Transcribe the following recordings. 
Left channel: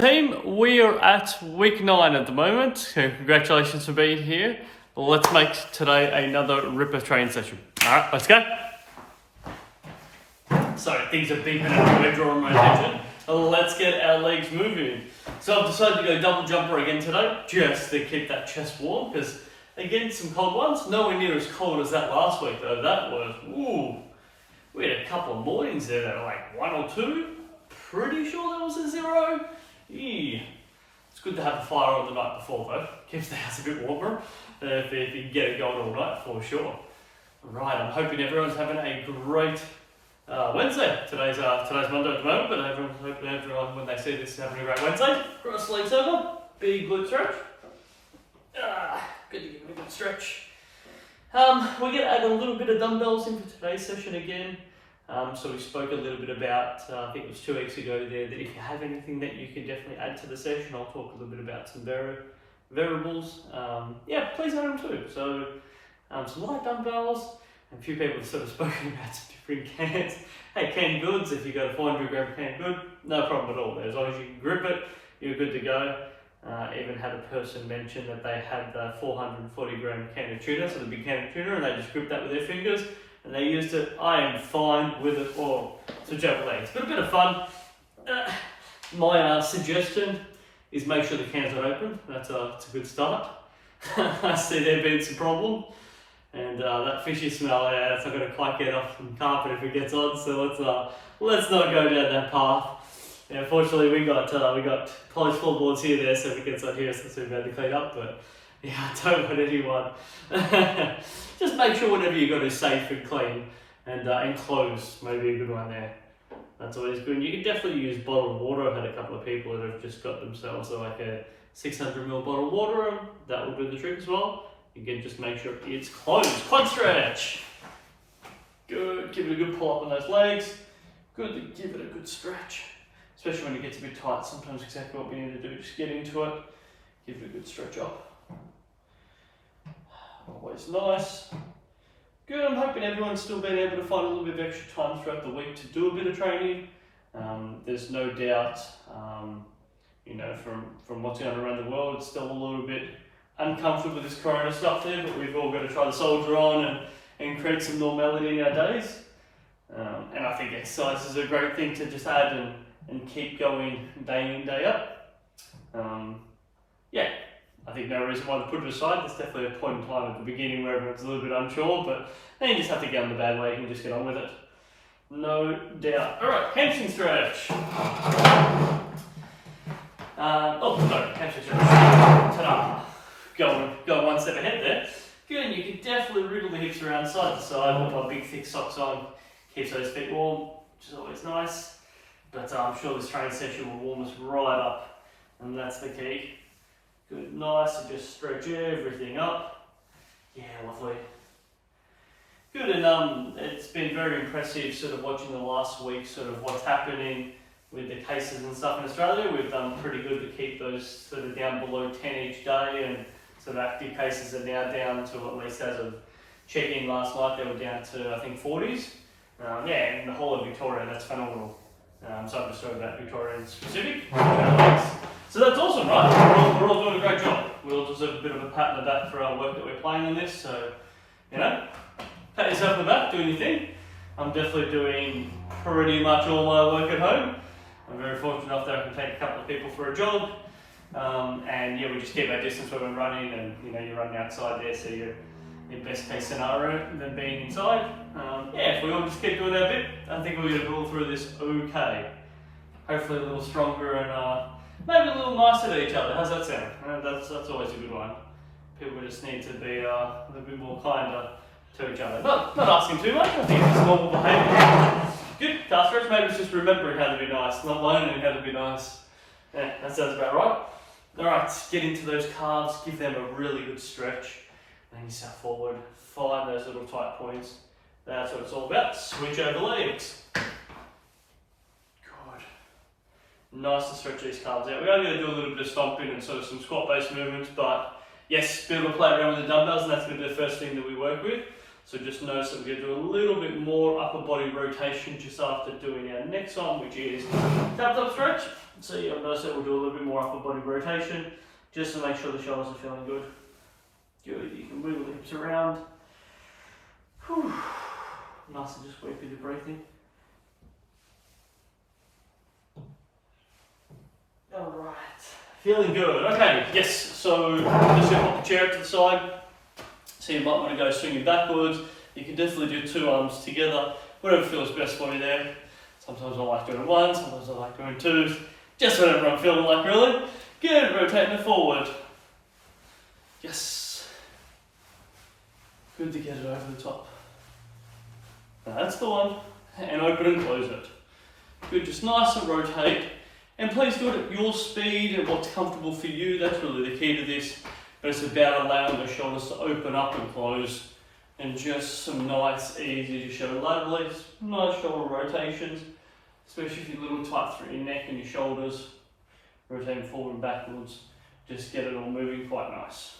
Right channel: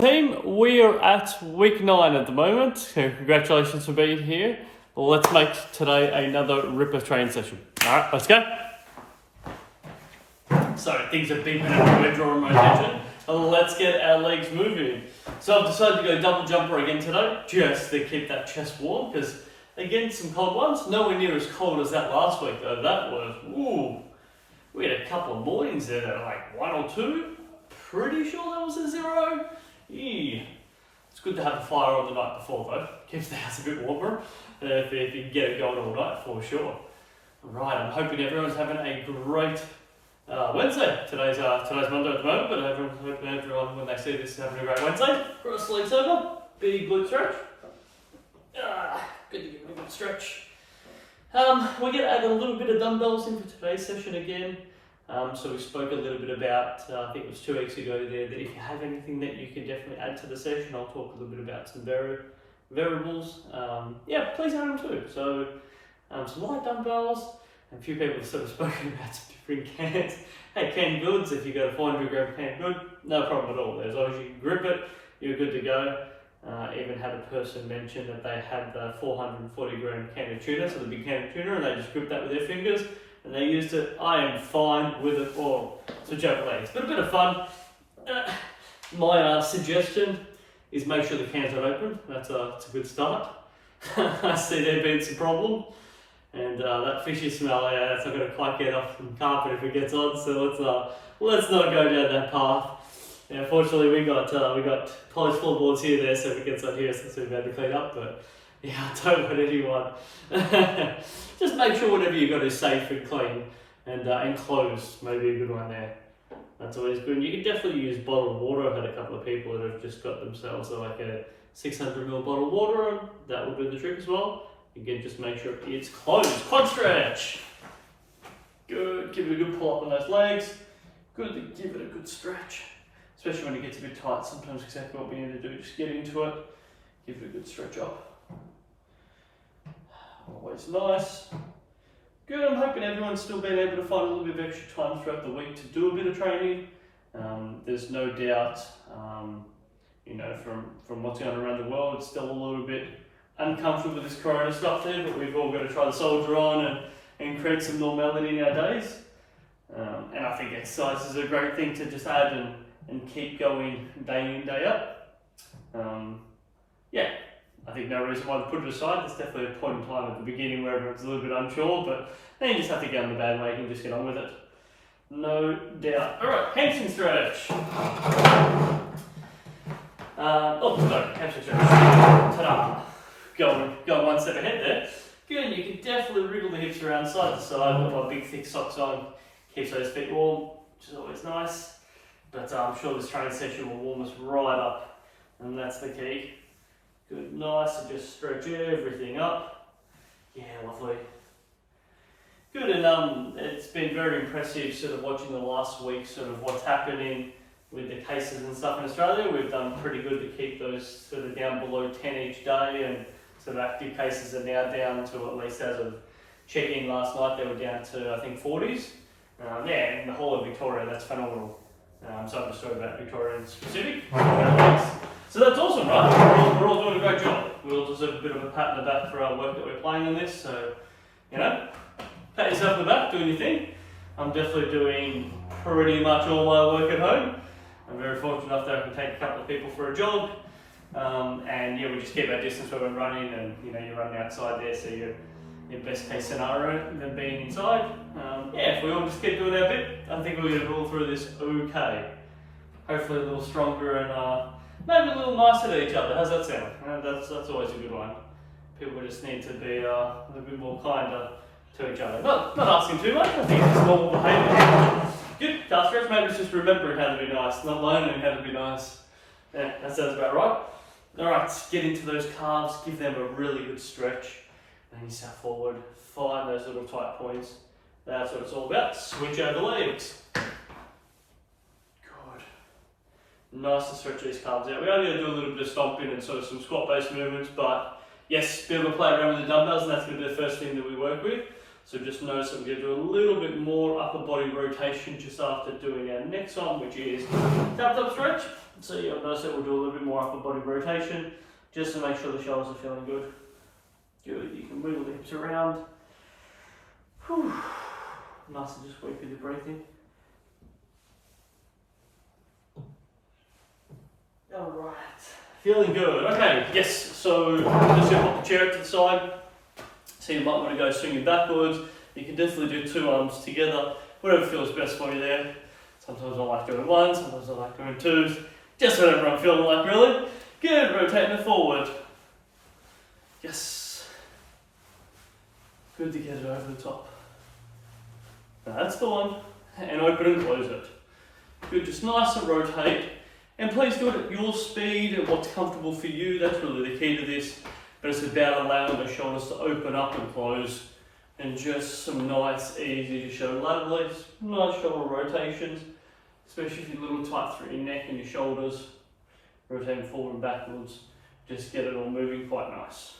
Team, we are at week 9 at the moment, so congratulations for being here. Let's make today another ripper training session. Alright, let's go. Sorry, things are beeping and we're drawing my attention. Let's get our legs moving. So I've decided to go double jumper again today, just to keep that chest warm, because again, some cold ones. Nowhere near as cold as that last week though. That was, ooh, we had a couple of mornings there that were like 1 or 2. Pretty sure that was a 0. Yeah. It's good to have the fire on the night before though. Keeps the house a bit warmer if you can get it going all night for sure. Right, I'm hoping everyone's having a great Wednesday. Today's Monday at the moment, but hoping everyone when they see this is having a great Wednesday. Cross legs over, big glute stretch. Good to give it a good stretch. We're going to add a little bit of dumbbells into today's session again. So we spoke a little bit about, I think it was 2 weeks ago there, that if you have anything that you can definitely add to the session, I'll talk a little bit about some variables. Yeah, please add them too. So some light dumbbells, and a few people have sort of spoken about some different cans. Hey, canned goods, if you go to 400 gram canned good, no problem at all there. As long as you can grip it, you're good to go. Even had a person mention that they had the 440 gram can of tuna, so the big can of tuna, and they just gripped that with their fingers. And they used it. I am fine with it all. Switch over legs. But a bit of fun. My suggestion is make sure the cans are open. That's a good start. I see there being some problem. And that fishy smell, yeah, that's not going to quite get off the carpet if it gets on. So let's not go down that path. Yeah, fortunately, we got polished floorboards here there, so if it gets on here, so it's too bad to clean up. But yeah, I don't want anyone. Just make sure whatever you got is safe and clean and enclosed. Maybe a good one there. That's always good. And you can definitely use bottled water. I've had a couple of people that have just got themselves like a 600ml bottled water, and that will do the trick as well. Again, just make sure it's closed. Quad stretch. Good. Give it a good pull up on those legs. Good to give it a good stretch, especially when it gets a bit tight. Sometimes exactly what we need to do, just get into it, give it a good stretch up. Always nice. Good, I'm hoping everyone's still been able to find a little bit of extra time throughout the week to do a bit of training. There's no doubt, you know, from what's going on around the world, it's still a little bit uncomfortable with this corona stuff there, but we've all got to try to soldier on and create some normality in our days. And I think exercise is a great thing to just add and keep going day in, day out. Yeah. I think no reason why to put it aside. There's definitely a point in time at the beginning where everyone's a little bit unsure, but then you just have to get on the bad way and just get on with it. No doubt. Alright, hamstring stretch. Hamstring stretch. Ta-da. Go one step ahead there. Feeling you can definitely wriggle the hips around side to side. I've got my big thick socks on. Keeps those feet warm, which is always nice. But I'm sure this training session will warm us right up, and that's the key. Good, nice, and just stretch everything up. Yeah, lovely. Good, and it's been very impressive sort of watching the last week, sort of what's happening with the cases and stuff in Australia. We've done pretty good to keep those sort of down below 10 each day, and sort of active cases are now down to, at least as of checking last night, they were down to I think 40s. Yeah, in the whole of Victoria, that's phenomenal. So I'm just talking about Victoria in specific. So that's awesome, right? We're all doing a great job. We all deserve a bit of a pat on the back for our work that we're playing in this. So, you know, pat yourself on the back, doing your thing. I'm definitely doing pretty much all my work at home. I'm very fortunate enough that I can take a couple of people for a jog. And yeah, we just keep our distance when we're running, and you know, you're running outside there, so you're in best case scenario than being inside. Yeah, if we all just keep doing our bit, I think we're going to roll through this okay. Hopefully a little stronger and maybe a little nicer to each other. How's that sound? That's always a good one. People just need to be a little bit more kinder to each other. Not asking too much, I think it's normal behaviour. Good, calf stretch, maybe it's just remembering how to be nice, not learning how to be nice. Yeah, that sounds about right. Alright, get into those calves, give them a really good stretch. Then you step forward, find those little tight points. That's what it's all about. Switch over legs. Nice to stretch these calves out. We are going to do a little bit of stomping and sort of some squat based movements, but yes, be able to play around with the dumbbells, and that's going to be the first thing that we work with. So just notice that we're going to do a little bit more upper body rotation just after doing our next one, which is tabletop stretch. So you'll notice that we'll do a little bit more upper body rotation just to make sure the shoulders are feeling good. Good, you can move the hips around. Whew. Nice to just work through the breathing. Alright, feeling good. Okay, yes, so I'm just going to put the chair up to the side. So you might want to go swinging backwards. You can definitely do two arms together, whatever feels best for you there. Sometimes I like doing one, sometimes I like doing twos. Just whatever I'm feeling like, really. Good, rotating it forward. Yes. Good to get it over the top. That's the one. And open and close it. Good, just nice and rotate. And please do it at your speed and what's comfortable for you. That's really the key to this. But it's about allowing the shoulders to open up and close. And just some nice, easy to show laterally. Nice shoulder rotations. Especially if you're a little tight through your neck and your shoulders. Rotating forward and backwards. Just get it all moving quite nice.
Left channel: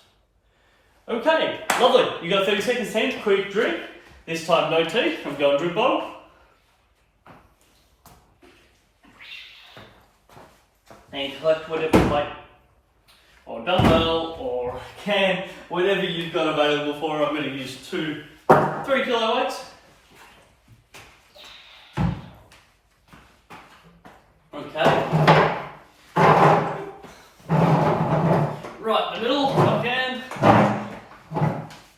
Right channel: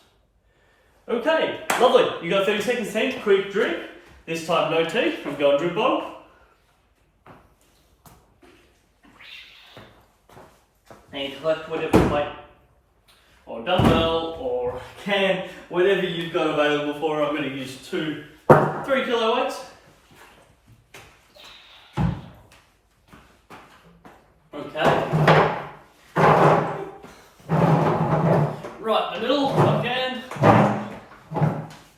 Okay, lovely. You got 30 seconds then, quick drink. This time no tea, I'm going drink bottle. And collect whatever you like, or dumbbell, or can, whatever you've got available for. I'm going to use 3 kilo weights. Okay. Right, the middle, if I can.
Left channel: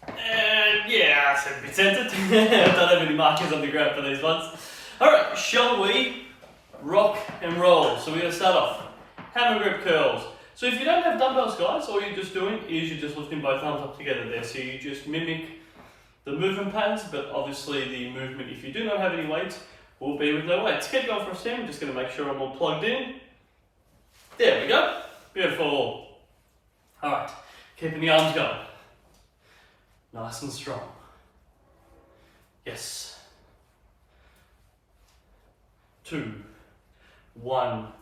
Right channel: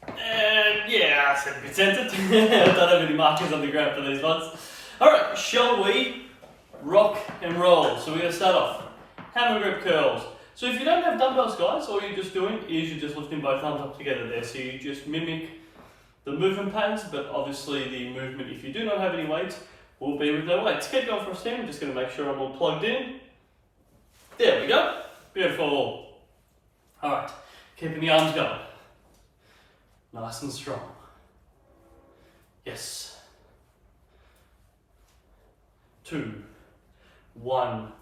And yeah, I said a bit centered. I don't have any markers on the ground for these ones. Alright, shall we rock and roll? So we're going to start off. Hammer grip curls. So if you don't have dumbbells, guys, all you're just doing is you're just lifting both arms up together there. So you just mimic the movement patterns, but obviously the movement, if you do not have any weights, will be with no weights. Keep going for a stand. I'm just going to make sure I'm all plugged in. There we go. Beautiful. Alright, keeping the arms going. Nice and strong. Yes. 2, 1.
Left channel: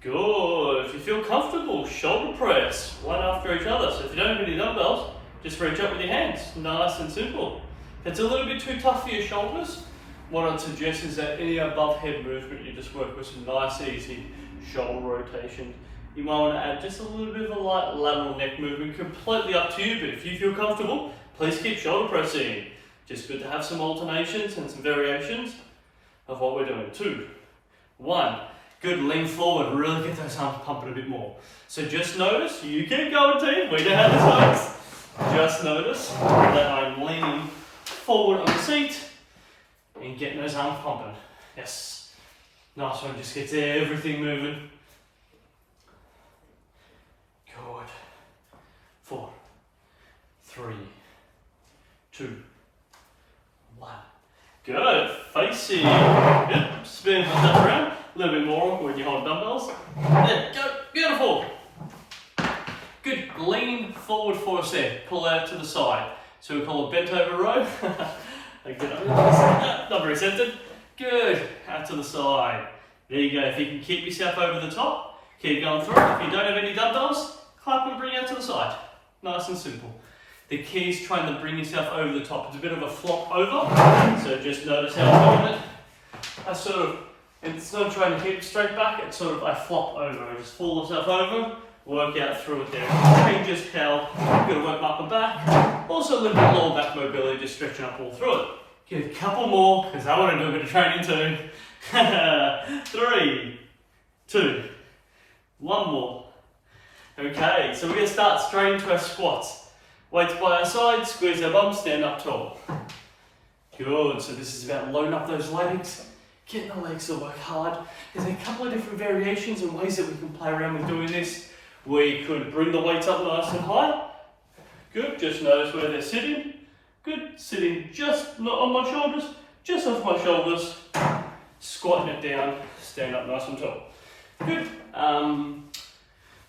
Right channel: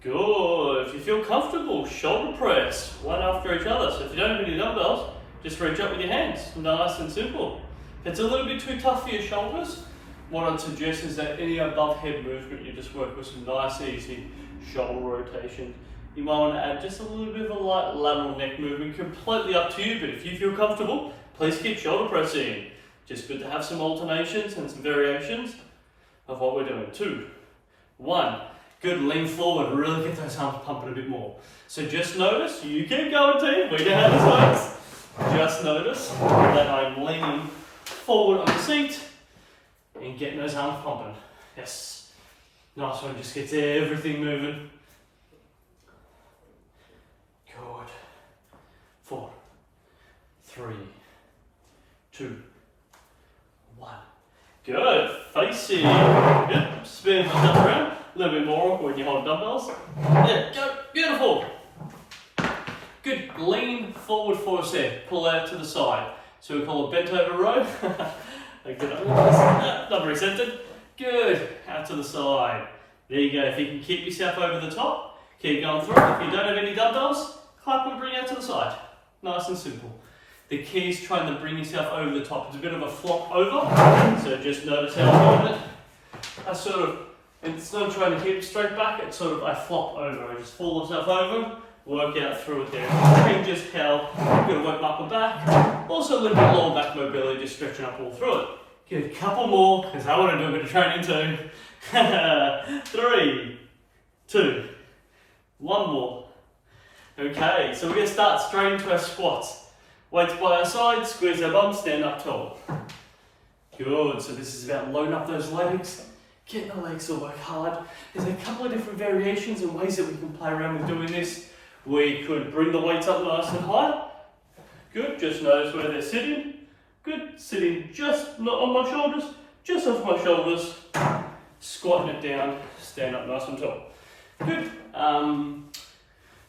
Good. If you feel comfortable, shoulder press, one after each other. So if you don't have any dumbbells, just reach up with your hands. Nice and simple. If it's a little bit too tough for your shoulders, what I'd suggest is that any above head movement, you just work with some nice, easy shoulder rotation. You might want to add just a little bit of a light lateral neck movement, completely up to you, but if you feel comfortable, please keep shoulder pressing. Just good to have some alternations and some variations of what we're doing. 2, 1. Good, lean forward, really get those arms pumping a bit more. So just notice, you keep going team, we know how this works. Just notice that I'm leaning forward on the seat and getting those arms pumping. Yes, nice one, just gets everything moving. Good. 4, 3, 2, 1. Good, facing. Yep, spin that around. A little bit more when you hold dumbbells. There, go, beautiful. Good, lean forward for a set, pull out to the side. So we call it bent over row. Not very centered. Good, out to the side. There you go, if you can keep yourself over the top, keep going through. If you don't have any dumbbells, clap and bring out to the side. Nice and simple. The key is trying to bring yourself over the top. It's a bit of a flop over, so just notice how I'm doing it. I sort of, and it's not trying to keep it straight back, it's sort of I flop over. I just fall myself over, work out through it there. And just how I'm going to work my upper back. Also a little bit lower back mobility, just stretching up all through it. Give it a couple more, because I want to do a bit of training too. 3, 2, 1 more. Okay, so we're going to start straight into our squats. Weights by our side, squeeze our bum, stand up tall. Good, so this is about loading up those legs, getting the legs to work hard. There's a couple of different variations and ways that we can play around with doing this. We could bring the weights up nice and high. Good, just notice where they're sitting. Good, sitting just not on my shoulders, just off my shoulders. Squatting it down, stand up nice and tall. Good.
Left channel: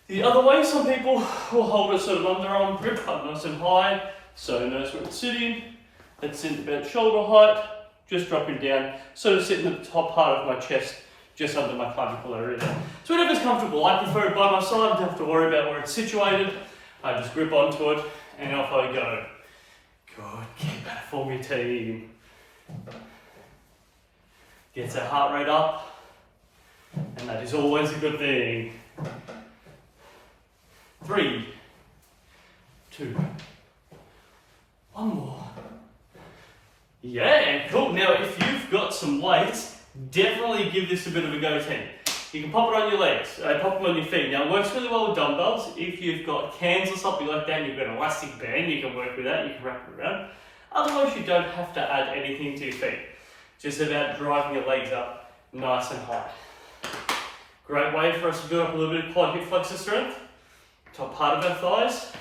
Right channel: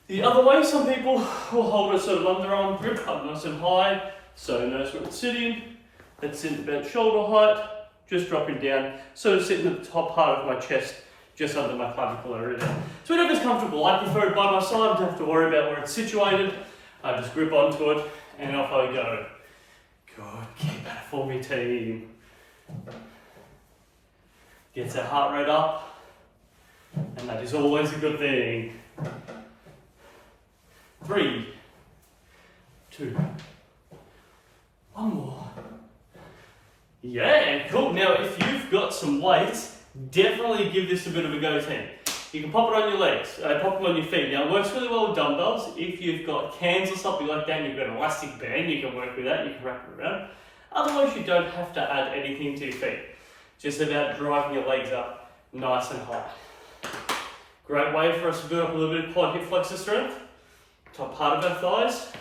The other way, some people will hold a sort of underarm grip up nice and high. So notice where it's sitting. It's in about shoulder height, just dropping down, sort of sitting at the top part of my chest, just under my clavicle area there. So whatever's comfortable. I prefer it by my side, don't have to worry about where it's situated. I just grip onto it and off I go. Good, keep that for me, team. Gets our heart rate up, and that is always a good thing. 3, 2, 1 more. Yeah, cool. Now, if you've got some weights, definitely give this a bit of a go, team. You can pop it on your legs, pop them on your feet. Now, it works really well with dumbbells. If you've got cans or something like that, and you've got an elastic band, you can work with that, you can wrap it around. Otherwise, you don't have to add anything to your feet. Just about driving your legs up nice and high. Great way for us to build up a little bit of quad hip flexor strength. Top part of our thighs,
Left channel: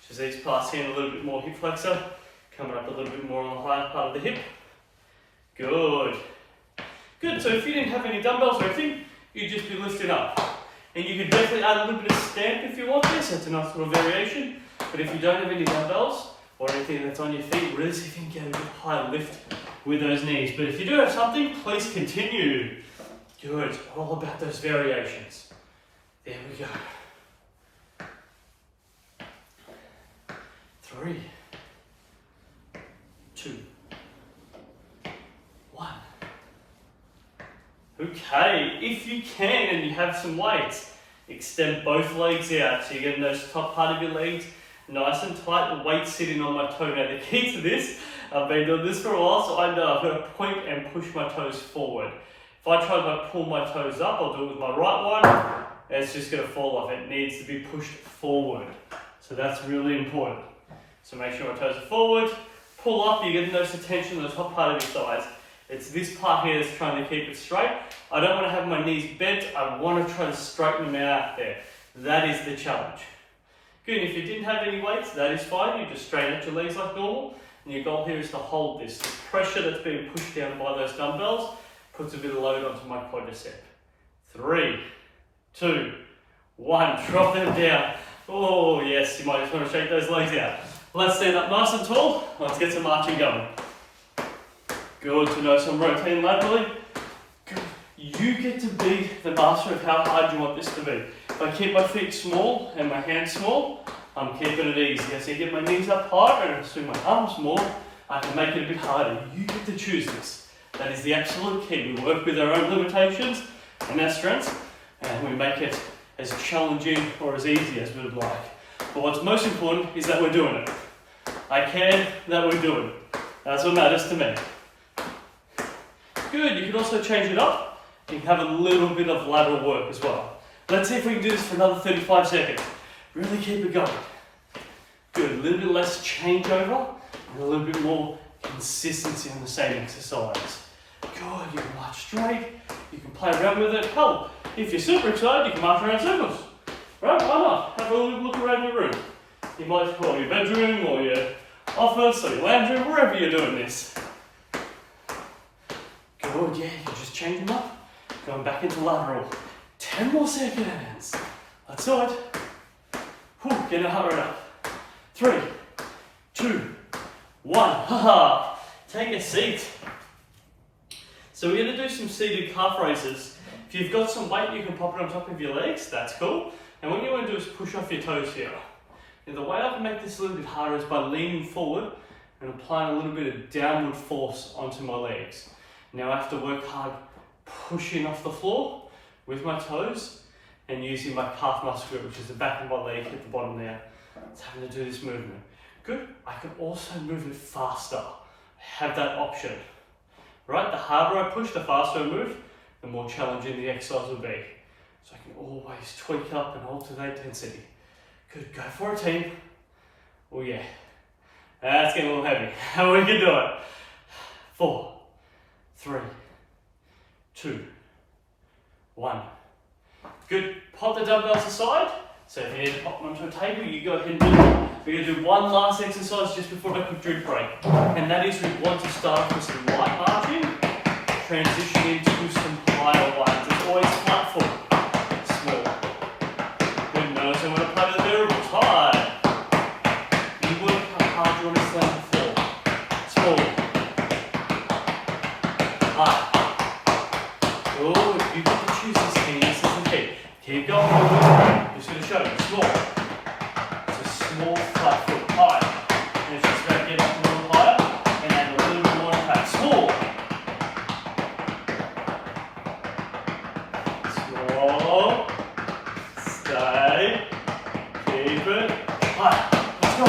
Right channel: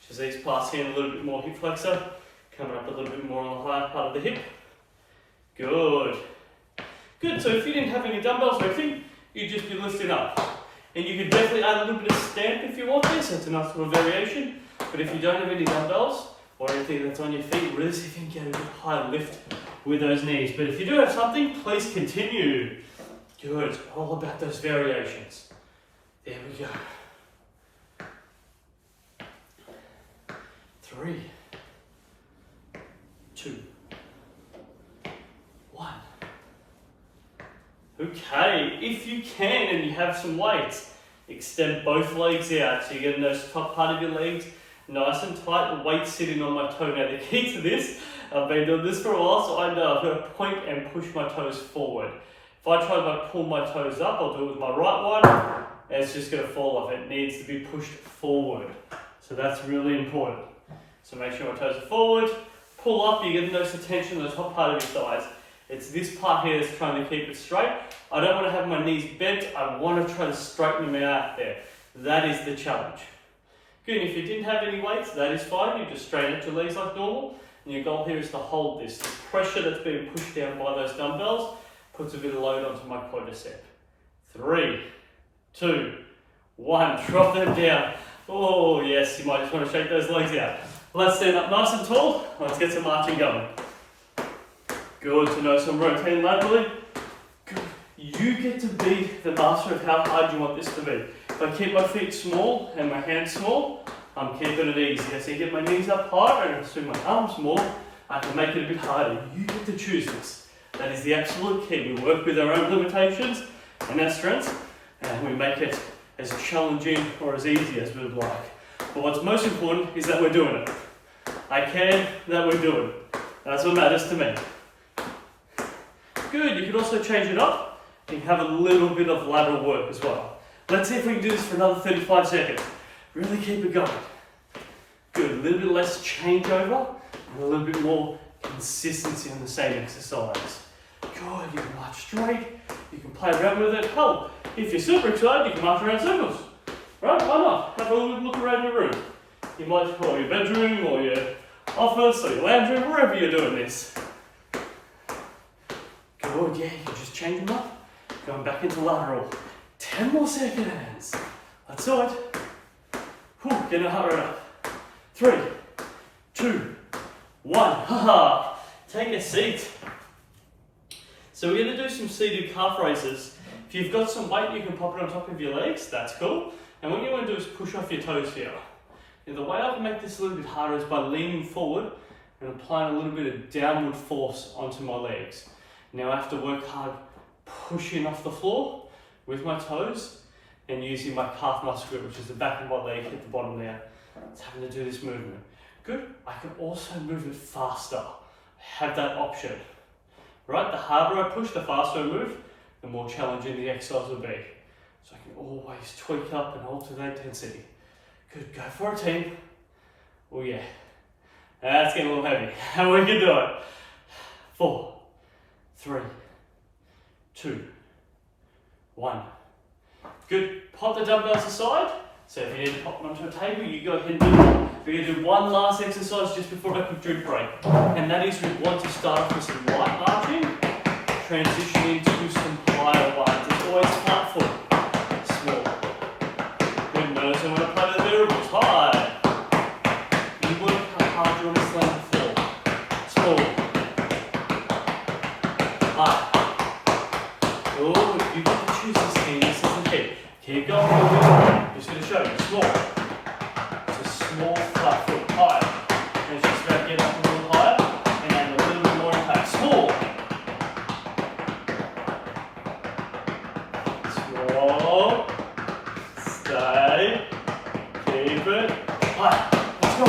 which is these parts here, and a little bit more hip flexor. Coming up a little bit more on the higher part of the hip. Good. Good, so if you didn't have any dumbbells or anything, you'd just be lifting up. And you could definitely add a little bit of stamp if you want this, it's a nice little variation. But if you don't have any dumbbells or anything that's on your feet, really see if you can get a bit higher lift with those knees. But if you do have something, please continue. Good, it's all about those variations. There we go. 3, 2, 1. Okay, if you can and you have some weights, extend both legs out so you're getting those top part of your legs nice and tight, the weight sitting on my toe. Now the key to this, I've been doing this for a while, so I know I've got to point and push my toes forward. If I try to pull my toes up, I'll do it with my right one, and it's just going to fall off. It needs to be pushed forward. So that's really important. So make sure my toes are forward, pull up, you're getting those tension on the top part of your thighs. It's this part here that's trying to keep it straight. I don't want to have my knees bent, I want to try to straighten them out there. That is the challenge. Good, if you didn't have any weights, that is fine. You just straighten out your legs like normal. And your goal here is to hold this. The pressure that's being pushed down by those dumbbells puts a bit of load onto my quadricep. 3, 2, 1, drop them down. Oh yes, you might just want to shake those legs out. Let's stand up nice and tall. Let's get some marching going. Good to know some rotating laterally. Good. You get to be the master of how hard you want this to be. If I keep my feet small and my hands small, I'm keeping it easy. As I get my knees up higher and swing my arms more, I can make it a bit harder. You get to choose this. That is the absolute key. We work with our own limitations and our strengths, and we make it as challenging or as easy as we would like. But what's most important is that we're doing it. I care that we're doing it. That's what matters to me. Good, you can also change it up. You can have a little bit of lateral work as well. Let's see if we can do this for another 35 seconds. Really keep it going. Good, a little bit less changeover and a little bit more consistency on the same exercise. Good, you can march straight, you can play around with it. Hell, if you're super excited, you can march around circles. Right, why not? Have a little look around your room. You might, or your bedroom, or your office, or your lounge room, wherever you're doing this. Good, yeah, you just change them up. Going back into lateral. 10 more seconds. That's do it. Whew, get your heart rate up. 3, 2, 1. Haha. Take a seat. So we're going to do some seated calf raises. If you've got some weight, you can pop it on top of your legs. That's cool. And what you want to do is push off your toes here. And the way I can make this a little bit harder is by leaning forward and applying a little bit of downward force onto my legs. Now I have to work hard pushing off the floor with my toes and using my calf muscle grip, which is the back of my leg at the bottom there. It's having to do this movement. Good. I can also move it faster. I have that option. Right? The harder I push, the faster I move, the more challenging the exercise will be. So I can always tweak up and alter the intensity. Good. Go for it, team. Oh yeah. That's getting a little heavy. We can do it. 4, 3, 2, 1. Good. Pop the dumbbells aside. So if you need to pop them onto a table, you go ahead and do it. We're going to do one last exercise just before a quick drink break. And that is we want to start off with some light marching, transition into some higher ones. It's always flat foot. Small. Good. Notice I want to play the variables. High. You work how hard you want to slam the floor. Small. High. Oh, if you get to choose this thing, this is the key. Keep going. I'm just going to show you. Small. It's a small flat foot. High. And it's just about getting up and Stay. Keep it. Right, let's go.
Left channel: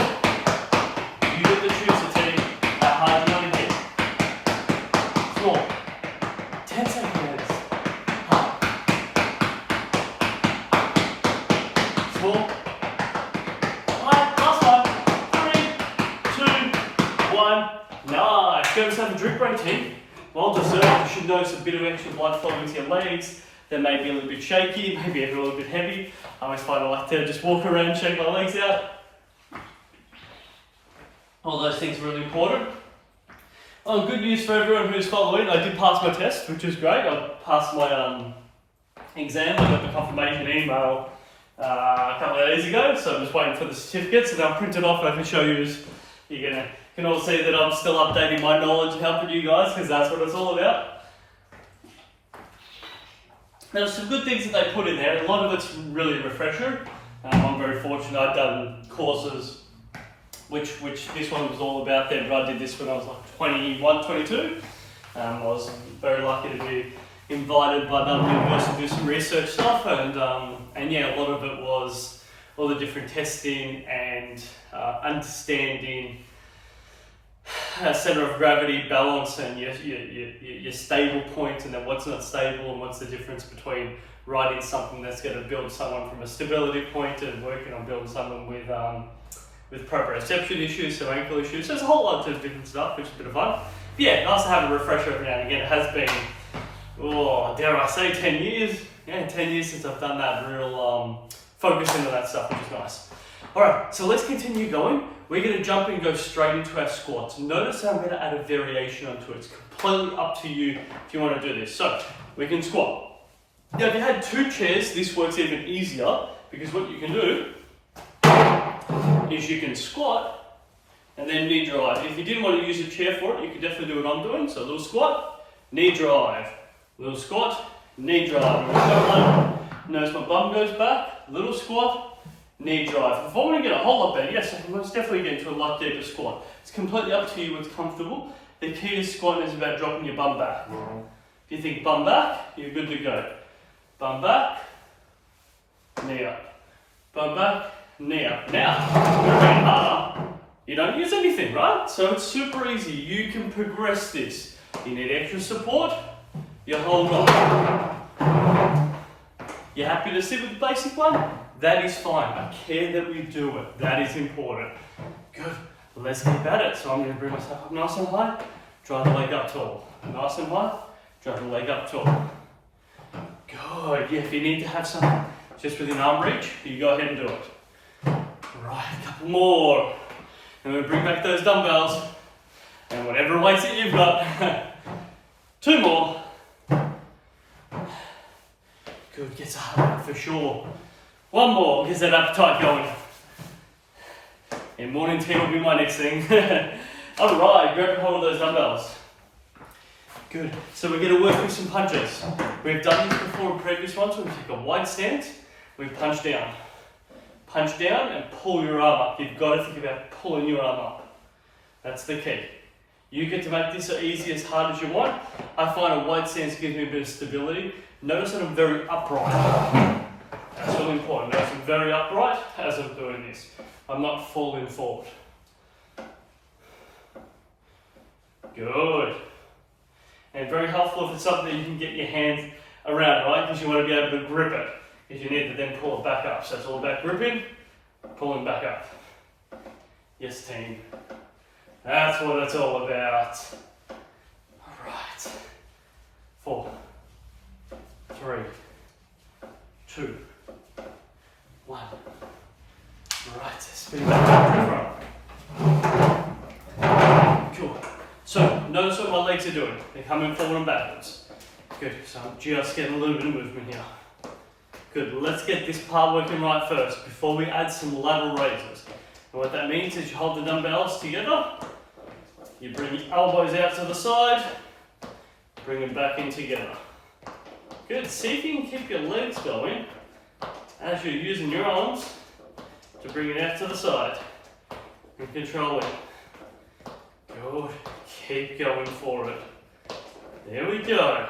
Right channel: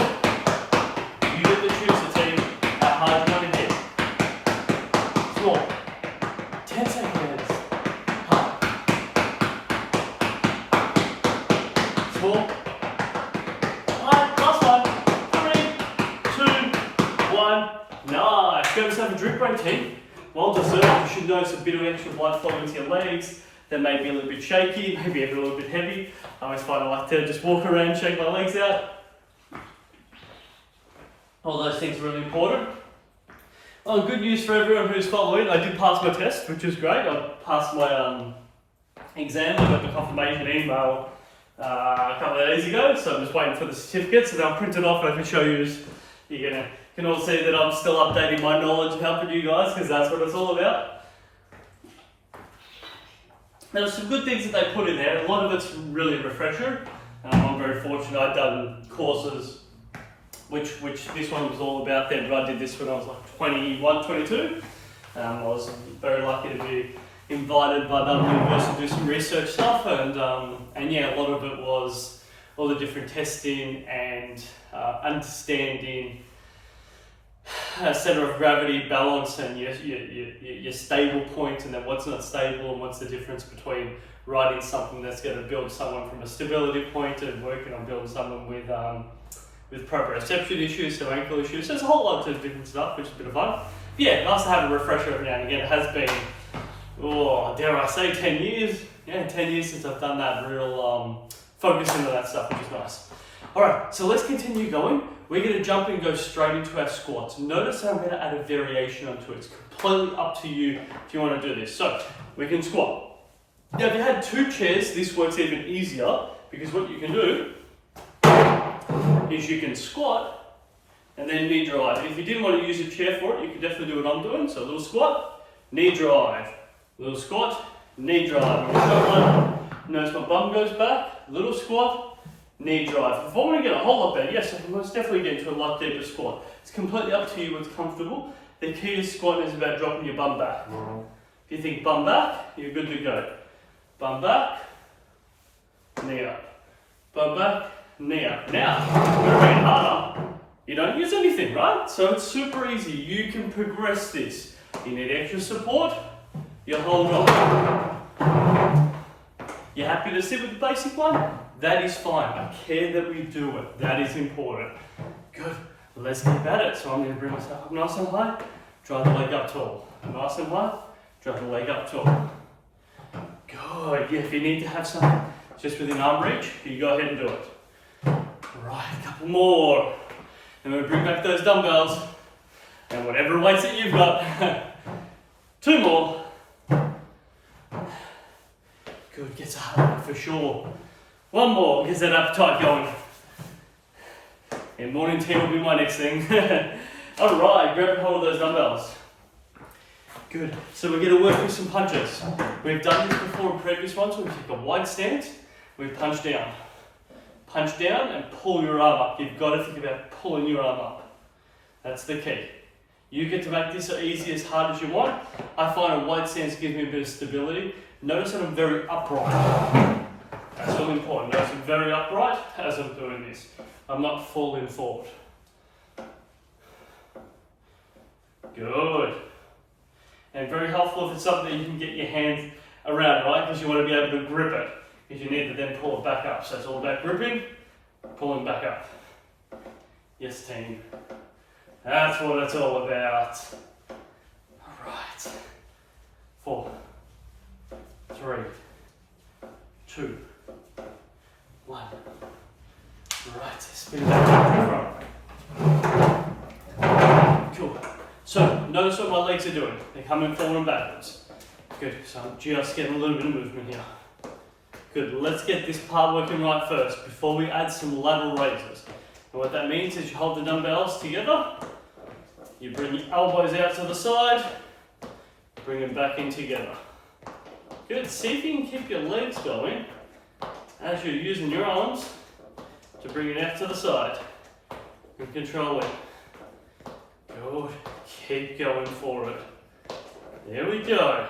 You get to choose the team how hard you want to hit. 4. 10 seconds. 4. Last time. 3, 2, 1. Nice. Go have a drip break, team. While deserved, you should notice a bit of extra blood flowing into your legs. They may be a little bit shaky, maybe a little bit heavy. I always find I like to just walk around, shake my legs out. All those things are really important. Oh, good news for everyone who's following. I did pass my test, which is great. I passed my exam. I got the confirmation email a couple of days ago, so I'm just waiting for the certificates, and I'll print it off. I can show you. You can all see that I'm still updating my knowledge and helping you guys, because that's what it's all about. There's some good things that they put in there. A lot of it's really a refresher. I'm very fortunate. I've done courses, which this one was all about there, but I did this when I was like 21, 22. I was very lucky to be invited by the university to do some research stuff, and yeah, a lot of it was all the different testing and understanding center of gravity, balance, and your stable point, and then what's not stable, and what's the difference between riding something that's going to build someone from a stability point and working on building someone with proprioception issues, so ankle issues. So there's a whole lot of different stuff, which is a bit of fun. But yeah, nice to have a refresher every now and again. It has been, dare I say, 10 years. Yeah, 10 years since I've done that real focus into that stuff, which is nice. All right, so let's continue going. We're going to jump and go straight into our squats. Notice I'm going to add a variation onto it. It's completely up to you if you want to do this. So we can squat. Now, if you had 2 chairs, this works even easier, because what you can do is you can squat and then knee drive. If you didn't want to use a chair for it, you can definitely do what I'm doing. So a little squat, knee drive. Little squat, knee drive. Notice my bum goes back. Little squat, knee drive. If I want to get a whole lot better, yes, I can most definitely get into a lot deeper squat. It's completely up to you what's comfortable. The key to squatting is about dropping your bum back. If you think bum back, you're good to go. Bum back, knee up. Bum back, knee up. Now, very harder. You don't use anything, right? So it's super easy. You can progress this. You need extra support, you hold on. You're happy to sit with the basic one? That is fine. I care that we do it. That is important. Good. Let's keep at it. So I'm going to bring myself up nice and high. Drive the leg up tall. Nice and high. Drive the leg up tall. Good. Yeah, if you need to have something just within arm reach, you go ahead and do it. Right, a couple more. And we'll bring back those dumbbells. And whatever weights that you've got. 2 more. Good. Gets a heart rate for sure. 1 more, gets that appetite going. And morning tea will be my next thing. Alright, grab hold of those dumbbells. Good. So we're going to work with some punches. We've done this before in previous ones. We take a wide stance, we punch down. Punch down and pull your arm up. You've got to think about pulling your arm up. That's the key. You get to make this as easy, as hard as you want. I find a wide stance gives me a bit of stability. Notice that I'm very upright. That's really important. Notice I'm very upright as I'm doing this. I'm not falling forward. Good. And very helpful if it's something that you can get your hands around, right? Because you want to be able to grip it. Because you need to then pull it back up. So it's all about gripping, pulling back up. Yes, team. That's what it's all about. Alright. 4, 3, 2, 1. Right, spin back to the front. Cool. So, notice what my legs are doing. They're coming forward and backwards. Good, so I'm just getting a little bit of movement here. Good, let's get this part working right first before we add some lateral raises. And what that means is you hold the dumbbells together, you bring your elbows out to the side, bring them back in together. Good, see if you can keep your legs going as you're using your arms to bring it out to the side and control it. Good, keep going for it. There we go.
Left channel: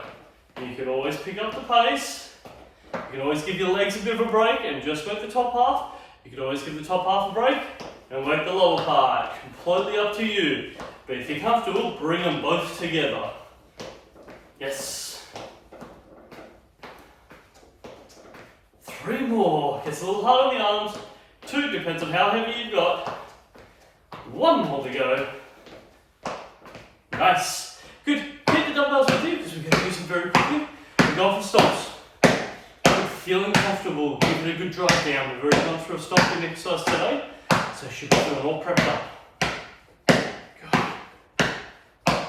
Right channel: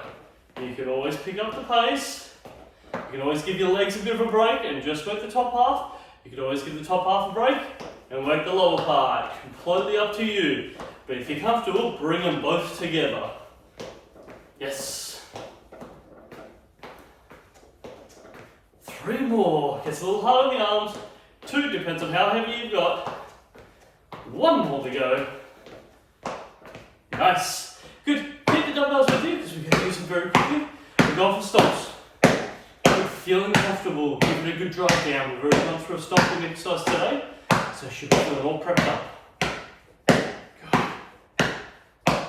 You can always pick up the pace. You can always give your legs a bit of a break and just work the top half. You can always give the top half a break and work the lower part. Completely up to you. But if you're comfortable, bring them both together. Yes. 3 more. Gets a little hard on the arms. 2, depends on how heavy you've got. 1 more to go. Nice. Good. Keep the dumbbells with you because we're going to use them very quickly. We're going for stomps. Feeling comfortable, give it a good drive down. We've already gone through a stomping exercise today, so you should be feeling all prepped up. Good.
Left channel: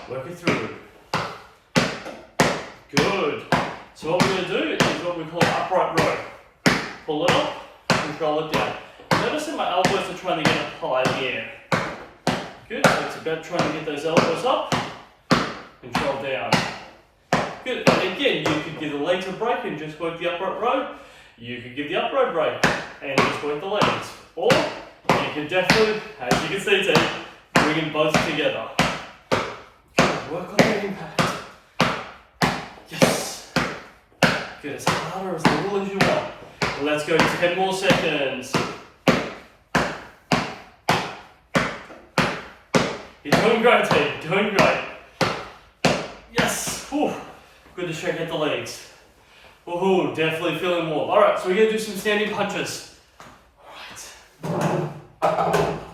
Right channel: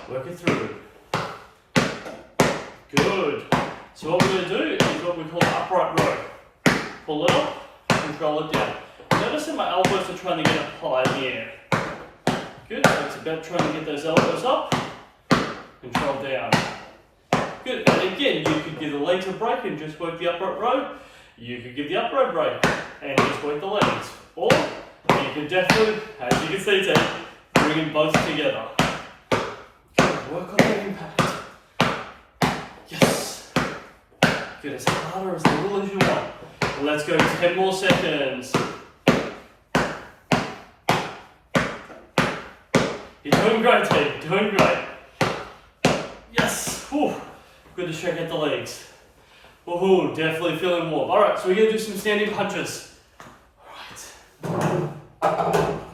Work it through. Good. So what we're going to do is what we call an upright row. Pull it up, control it down. Notice that my elbows are trying to get up high in the air. Good. So it's about trying to get those elbows up, control down. Good. And again, you could give the legs a break and just work the upright row. You could give the upright break and just work the legs. Or you can definitely, as you can see, team, bring them both together. Good. Work on the impact. Yes. Good. As hard or as little as you want. Let's go 10 more seconds. You're doing great, team. Doing great. Yes. Whew. Good to shake out the legs. Woohoo, definitely feeling warm. Alright, so we're going to do some standing punches. Alright.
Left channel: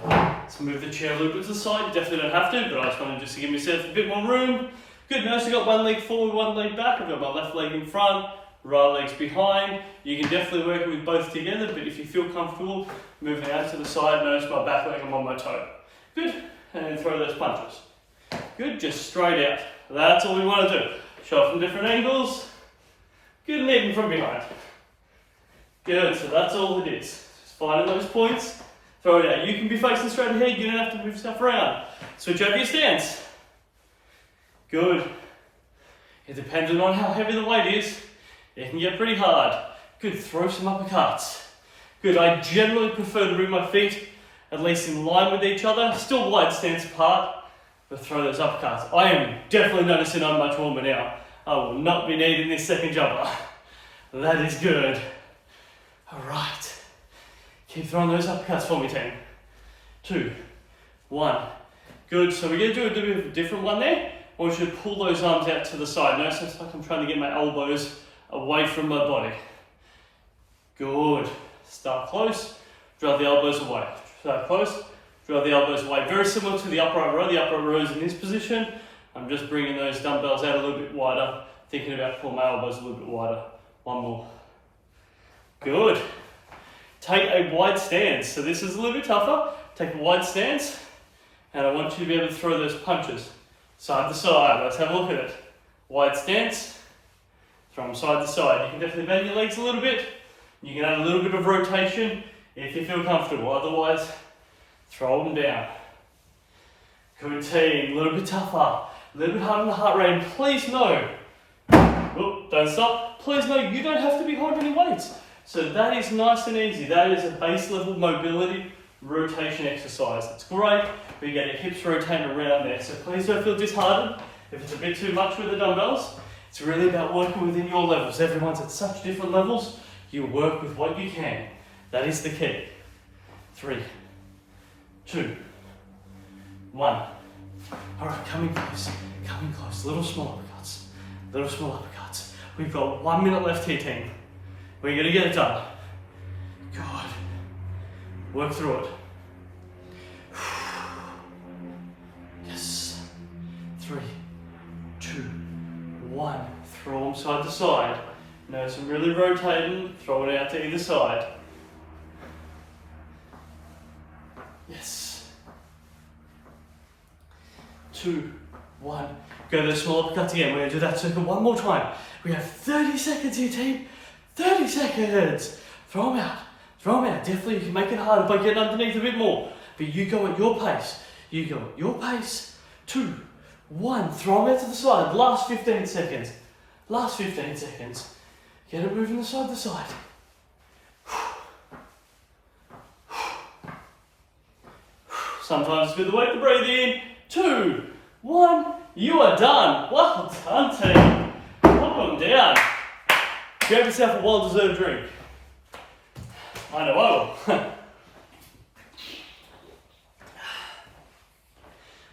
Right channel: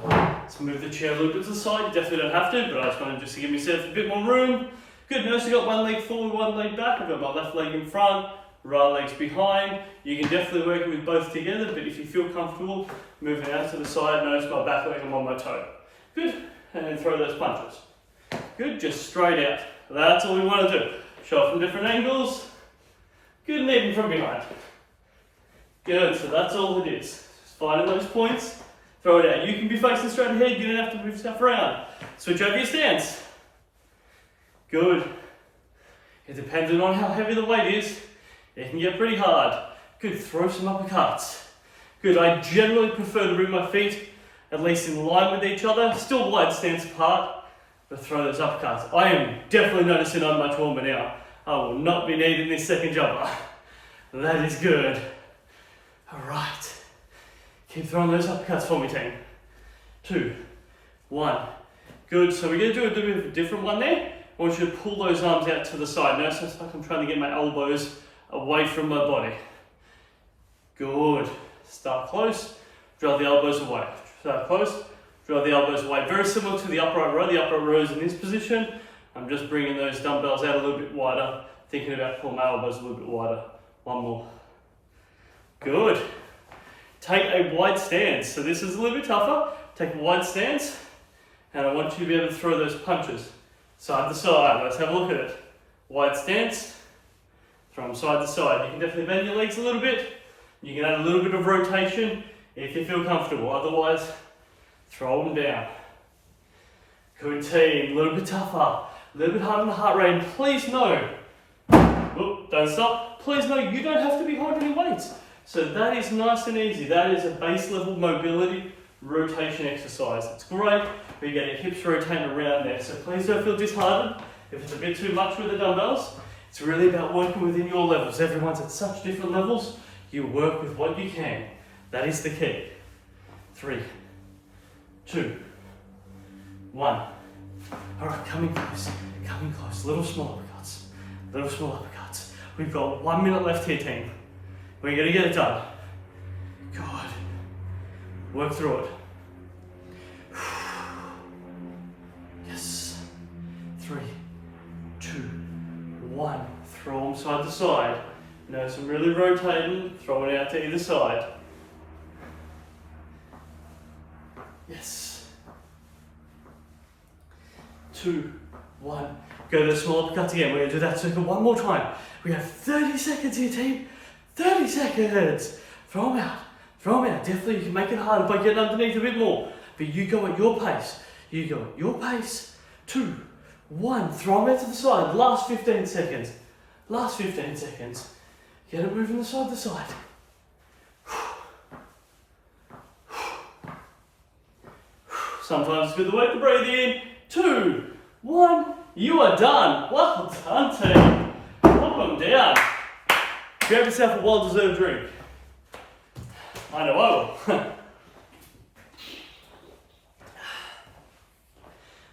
Let's move the chair a little bit to the side. You definitely don't have to, but I just wanted just to give myself a bit more room. Good, now I've got one leg forward, one leg back. I've got my left leg in front, right leg's behind. You can definitely work it with both together, but if you feel comfortable, moving out to the side, notice my back leg and on my toe. Good, and then throw those punches. Good, just straight out. That's all we want to do. Shot from different angles. Good, and even from behind. Good, so that's all it is. Just finding those points, throw it out. You can be facing straight ahead, you don't have to move stuff around. Switch over your stance. Good. It depends on how heavy the weight is. It can get pretty hard. Good, throw some uppercuts. Good, I generally prefer to bring my feet at least in line with each other, still wide stance apart. But throw those uppercuts. I am definitely noticing I'm much warmer now. I will not be needing this second jumper. That is good. Alright. Keep throwing those uppercuts for me, team. 2, 1. Good. So we're going to do a bit of a different one there. I want you to pull those arms out to the side. Notice it's like I'm trying to get my elbows away from my body. Good. Start close. Draw the elbows away. Start close. Draw the elbows away. Very similar to the upright row. The upright row is in this position. I'm just bringing those dumbbells out a little bit wider, thinking about pulling my elbows a little bit wider. 1 more. Good. Take a wide stance. So this is a little bit tougher. Take a wide stance, and I want you to be able to throw those punches side to side. Let's have a look at it. Wide stance, throw them side to side. You can definitely bend your legs a little bit. You can add a little bit of rotation if you feel comfortable. Otherwise, throw them down. Good team, a little bit tougher, a little bit harder on the heart rate. And please know, don't stop, please know you don't have to be holding any weights. So that is nice and easy. That is a base level mobility rotation exercise. It's great, but you get your hips rotating around there. So please don't feel disheartened if it's a bit too much with the dumbbells. It's really about working within your levels. Everyone's at such different levels. You work with what you can. That is the key. 3, 2, 1. All right, coming close, little small uppercuts. We've got 1 minute left here, team. We're gonna get it done. Good. Work through it. Yes. 3, 2, 1. Throw them side to side. Notice I'm really rotating, throw it out to either side. Yes. 2, 1. Go to the small uppercuts again. We're going to do that circle 1 more time. We have 30 seconds here, team. 30 seconds. Throw them out. Throw them out. Definitely, you can make it harder by getting underneath a bit more. But you go at your pace. You go at your pace. 2, 1. Throw them out to the side. Last 15 seconds. Last 15 seconds. Get it moving the side to side. Sometimes it's good to wait to breathe in. 2, 1. You are done. Well done, team. Put them down. grab yourself a well-deserved drink. I know I will.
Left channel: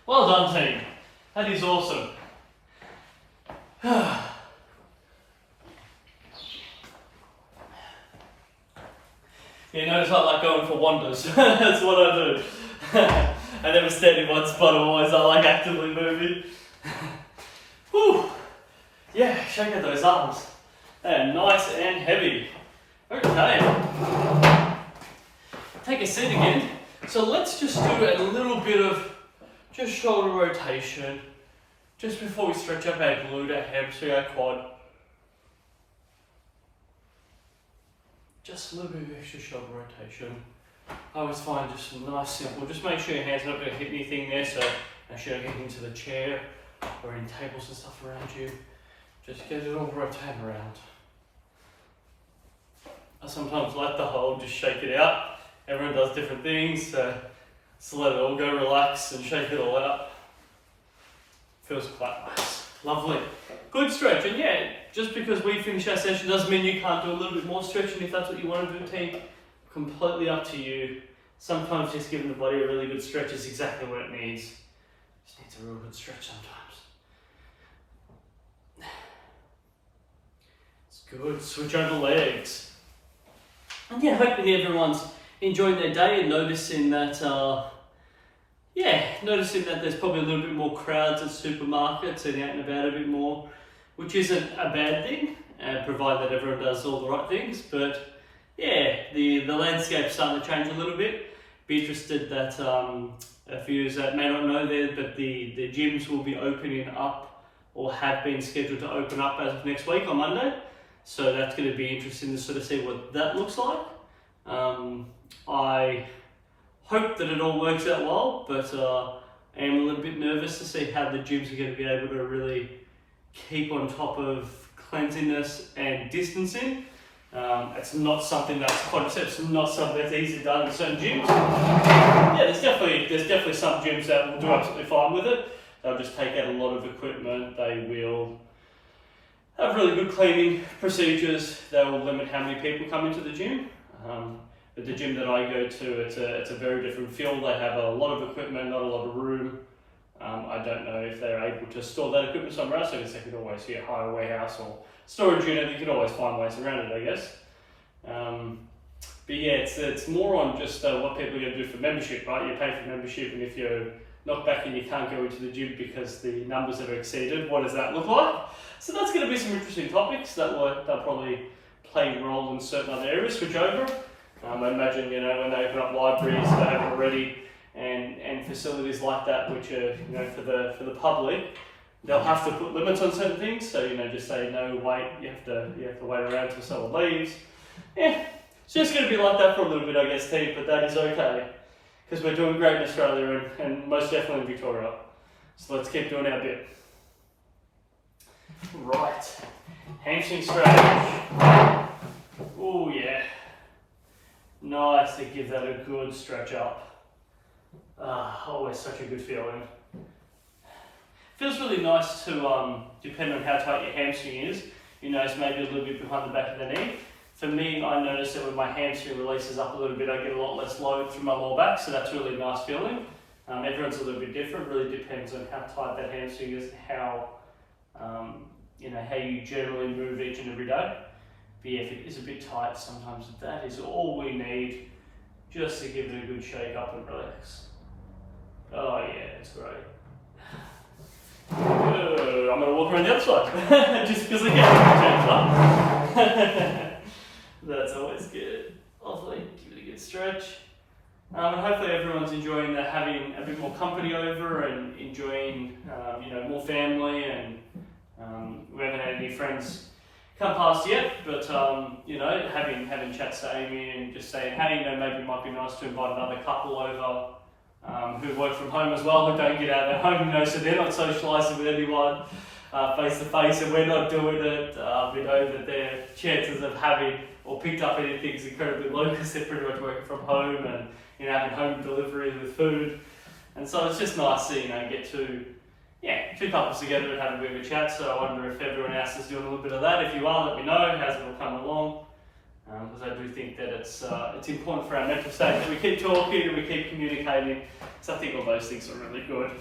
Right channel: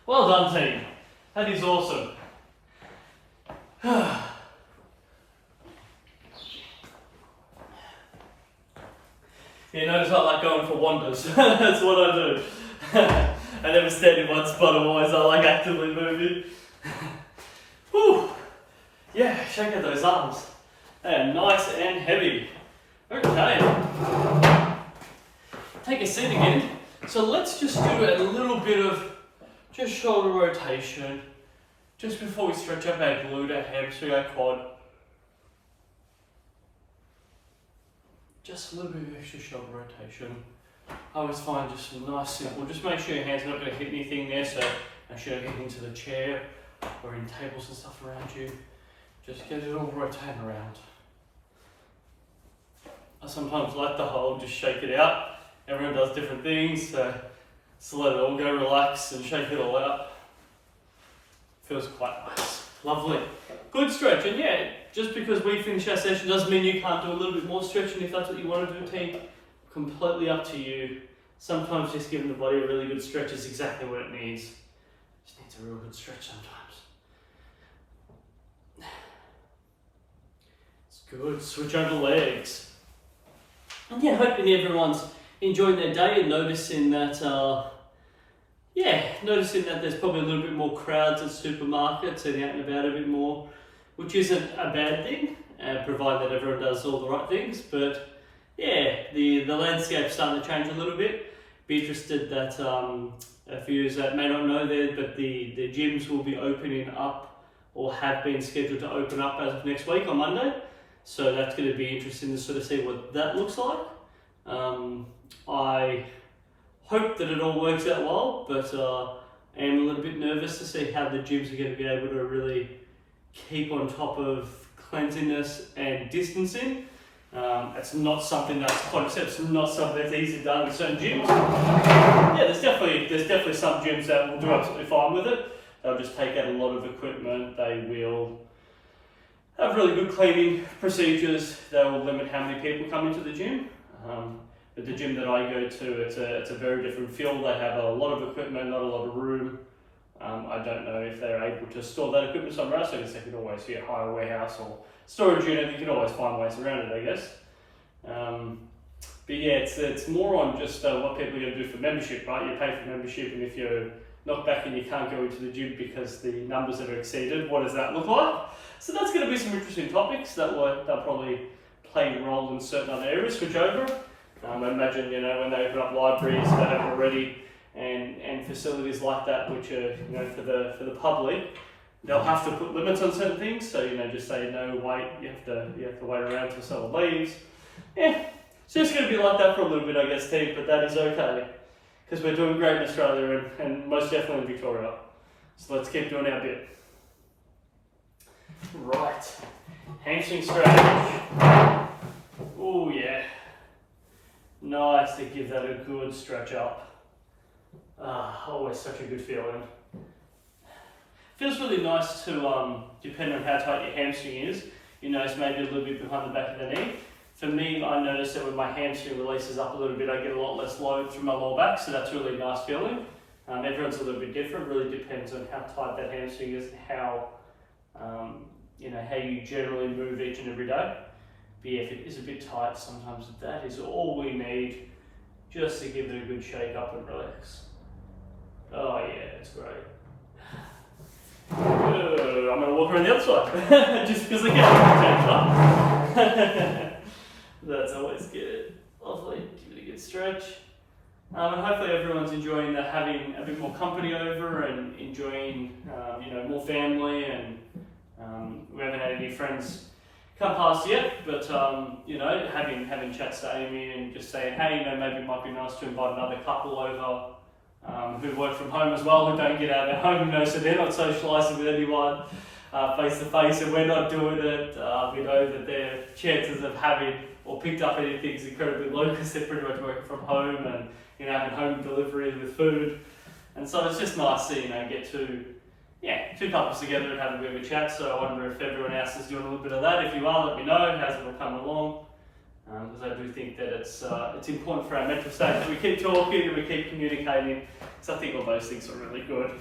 Well done, team. That is awesome. You notice I like going for wanders. That's what I do. I never stand in one spot, always I like actively moving. Whew. Yeah, shake out those arms. They are nice and heavy. Okay. Take a seat again. So let's just do a little bit of just shoulder rotation. Just before we stretch up our glute, our hamstring, our quad. Just a little bit of extra shoulder rotation. I always find just nice, simple. Just make sure your hands are not going to hit anything there, so make sure you get into the chair or in tables and stuff around you. Just get it all rotating around. I sometimes like the hold, just shake it out. Everyone does different things, so just let it all go, relax and shake it all out. Feels quite nice. Lovely. Good stretch, and yeah, just because we finish our session doesn't mean you can't do a little bit more stretching if that's what you want to do, team. Completely up to you. Sometimes just giving the body a really good stretch is exactly what it needs. Just needs a real good stretch sometimes. It's good. Switch over legs. And yeah, hoping everyone's enjoying their day and noticing that there's probably a little bit more crowds at supermarkets and out and about a bit more, which isn't a bad thing, provided that everyone does all the right things. But yeah, the landscape's starting to change a little bit. Be interested that a few that may not know there, but the gyms will be opening up or have been scheduled to open up as of next week on Monday. So that's going to be interesting to sort of see what that looks like. I hope that it all works out well, but I am a little bit nervous to see how the gyms are going to be able to really keep on top of cleanliness and distancing. It's not something that's not something that's easily done in certain gyms. Yeah, there's definitely some gyms that will do absolutely fine with it. They'll just take out a lot of equipment. They will have really good cleaning procedures. They will limit how many people come into the gym. But the gym that I go to, it's a very different feel. They have a lot of equipment, not a lot of room. I don't know if they're able to store that equipment somewhere else. I guess they could always hire a warehouse or storage unit. You can always find ways around it, I guess. But yeah, it's more on just what people are going to do for membership, right? You pay for membership, and if you're knocked back and you can't go into the gym because the numbers are exceeded, what does that look like? So that's going to be some interesting topics that they'll probably play a role in certain other areas for Joga. I imagine, when they open up libraries that have already and facilities like that, which are, for the public, they'll have to put limits on certain things. So, just say no, wait, you have to wait around till someone leaves. Yeah, it's just going to be like that for a little bit, I guess, Steve, but that is okay because we're doing great in Australia and most definitely in Victoria. So let's keep doing our bit. Right, hamstring stretch. Oh yeah. Nice to give that a good stretch up. Always such a good feeling. Feels really nice to, depending on how tight your hamstring is, it's maybe a little bit behind the back of the knee. For me, I notice that when my hamstring releases up a little bit, I get a lot less load through my lower back, so that's really a nice feeling. Everyone's a little bit different, really depends on how tight that hamstring is and how, how you generally move each and every day. But yeah, if it is a bit tight, sometimes that is all we need just to give it a good shake up and relax. Oh yeah, it's great. Good. I'm going to walk around the other side, just because I get it. That's always good. Lovely, give it a good stretch. And hopefully everyone's enjoying having a bit more company over and enjoying, more family, and we haven't had any friends come past yet, but having chats to Amy and just saying, hey, maybe it might be nice to invite another couple over who work from home as well, who don't get out of their home, so they're not socialising with anyone face to face, and we're not doing it. We know that their chances of having or picked up anything is incredibly low because they're pretty much working from home and having home delivery with food, and so it's just nice to get to yeah, two couples together and having a bit of a chat. So I wonder if everyone else is doing a little bit of that. If you are, let me know. How's it all coming along? Because I do think that it's important for our mental state that we keep talking and we keep communicating. So I think all those things are really good.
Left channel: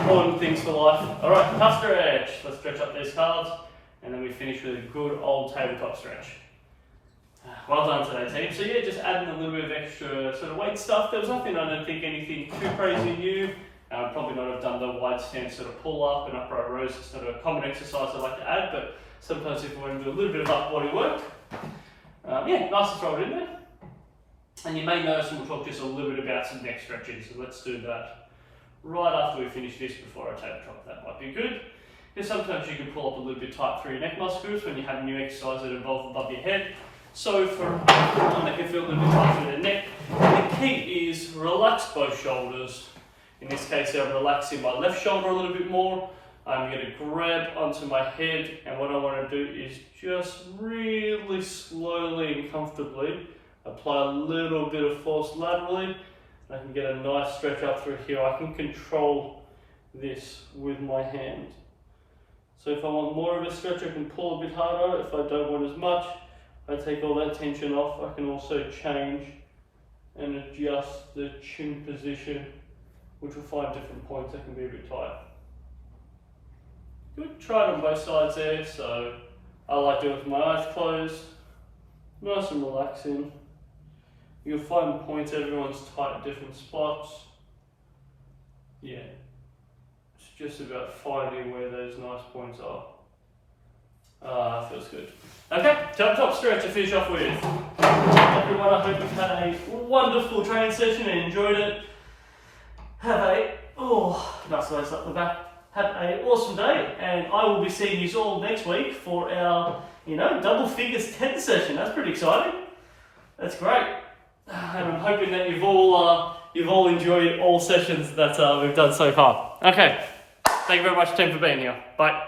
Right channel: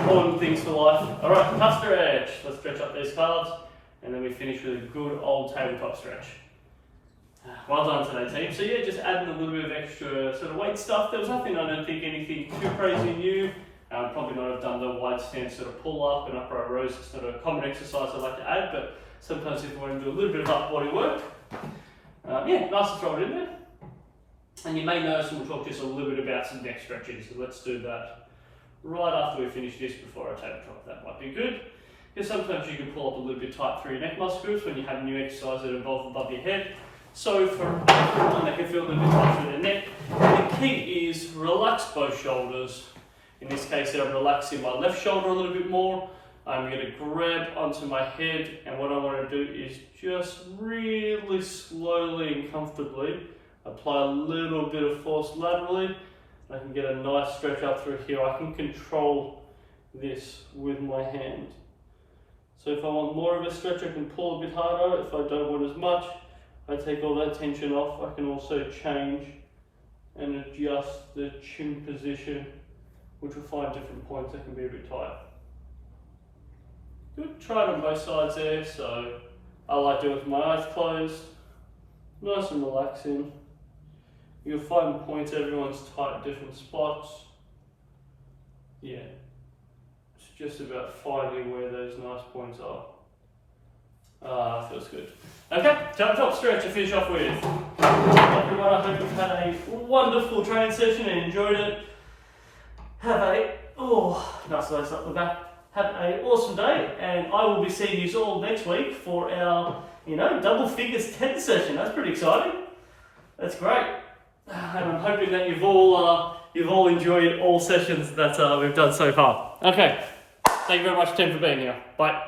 Important things for life. All right, calf stretch. Let's stretch up these calves, and then we finish with a good old tabletop stretch. Well done today, team. So yeah, just adding a little bit of extra sort of weight stuff. There was nothing, I don't think, anything too crazy new. Probably not have done the wide stance sort of pull up and upright rows. It's not a common exercise I like to add, but sometimes if you want to do a little bit of upper body work, yeah, nice to throw it in there. And you may notice we'll talk just a little bit about some neck stretching, so let's do that right after we finish this before I tabletop. That might be good. Because sometimes you can pull up a little bit tight through your neck muscle groups when you have new exercises that involve above your head. So for everyone that can feel a little bit tight through their neck, the key is relax both shoulders. In this case, I'm relaxing my left shoulder a little bit more. I'm going to grab onto my head, and what I want to do is just really slowly and comfortably apply a little bit of force laterally. I can get a nice stretch up through here. I can control this with my hand. So if I want more of a stretch, I can pull a bit harder. If I don't want as much, I take all that tension off. I can also change and adjust the chin position, which will find different points that can be a bit tight. Good, try it on both sides there. So I like doing it with my eyes closed, nice and relaxing. You'll find points, everyone's tight at different spots. Yeah, it's just about finding where those nice points are. That feels good. Okay, top stretch to finish off with. Everyone, I hope you've had a wonderful training session and enjoyed it. Have a, nice lace up the back. Have an awesome day, and I will be seeing you all next week for our, double figures 10 session. That's pretty exciting. That's great. And I'm hoping that you've all enjoyed all sessions that we've done so far. Okay, thank you very much, team, for being here. Bye.